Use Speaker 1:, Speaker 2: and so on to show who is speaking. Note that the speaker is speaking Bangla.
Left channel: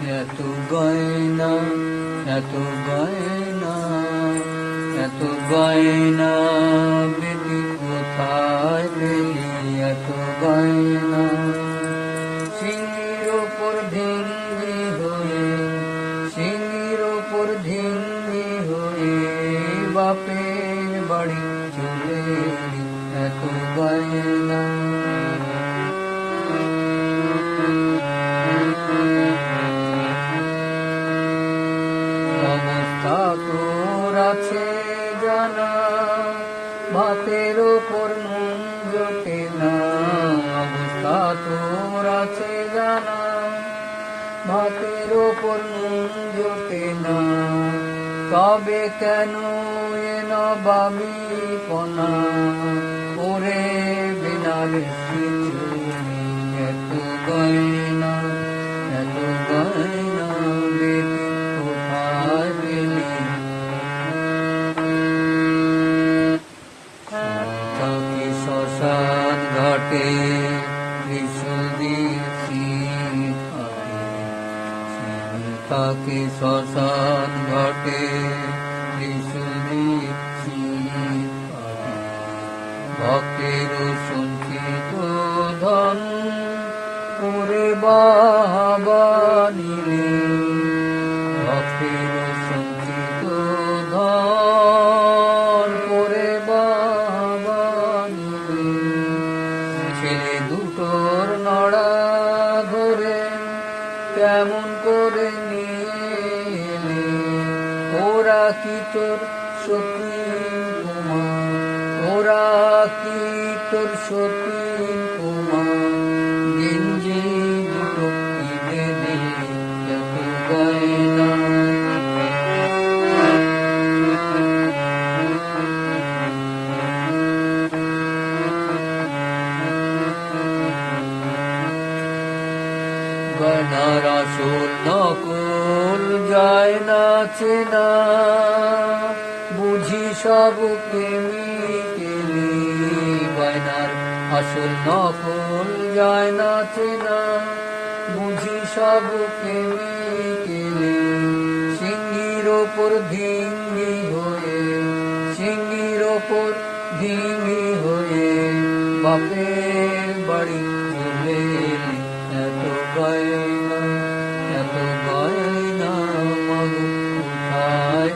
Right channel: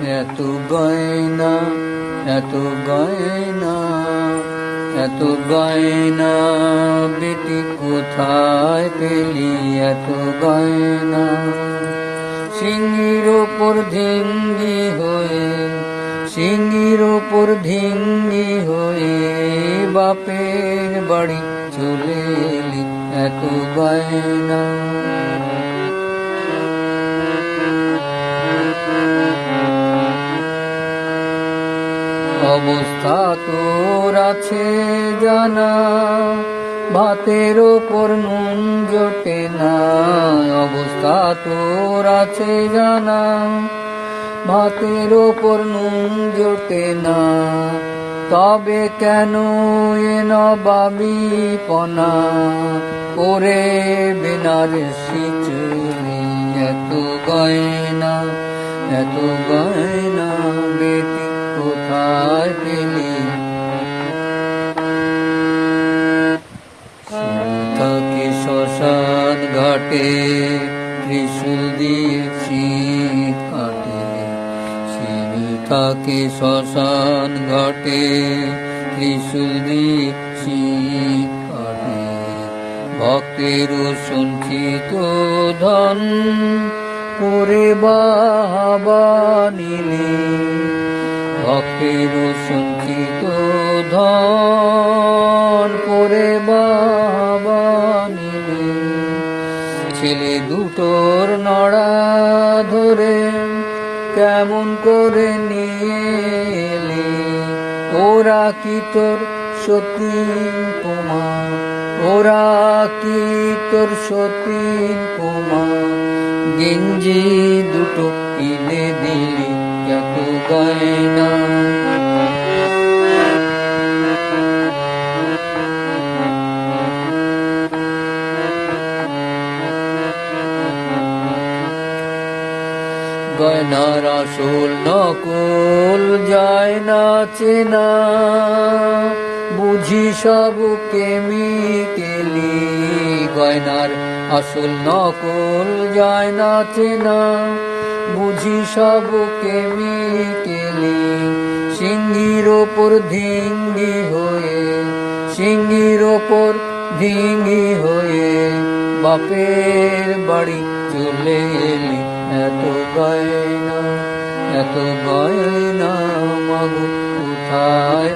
Speaker 1: এত গয়না এত গয়না এত গয়না বেটি কোথায় পেলি? এত গয়না। সিঙ্গির ওপর ঢেঙ্গি হয়ে সিঙ্গির ওপর ঢেঙ্গি হয়ে বাপের বাড়ি চলে এত গয়না। অবস্থা তোর আছে জানা। ভাতের ওপর নুন জোটে না। অবস্থা তোর আছে জানা। ভাতের ওপর নুন জোটে না। তবে কেন এ নবাবি পনা ওরে বিনার শীতে এত গয়না এত গয়না। ঘাটে ত্রিশুল দিয়ে কাটে। থাকে শ্মশান ঘাটে কাটে। ভক্তের সঞ্চিত ধন করে বাবা নিলে, ভক্তের সঞ্চিত ধন করে বাবা ছেলে দুটোর নাড়া ধরে কেমন করে নিয়ে ওরা কি তোর সতীন কুমার ওরা কি তোর সতীন কুমার গেঞ্জি দুটো কিনে দিলি কত গয়না গয়নার আসল নকল যায় না। চেনা বুঝি সব কেমিকেলি গয়নার আসল নকল যায় না। চেনা বুঝি সব কেমিকেলি সিঙ্গির ওপর ধিঙ্গি হয়ে সিঙ্গির ওপর ধিঙ্গি হয়ে বাপের বাড়ি চলে এলি। এত গয়না এত গয়না মগু কোথায়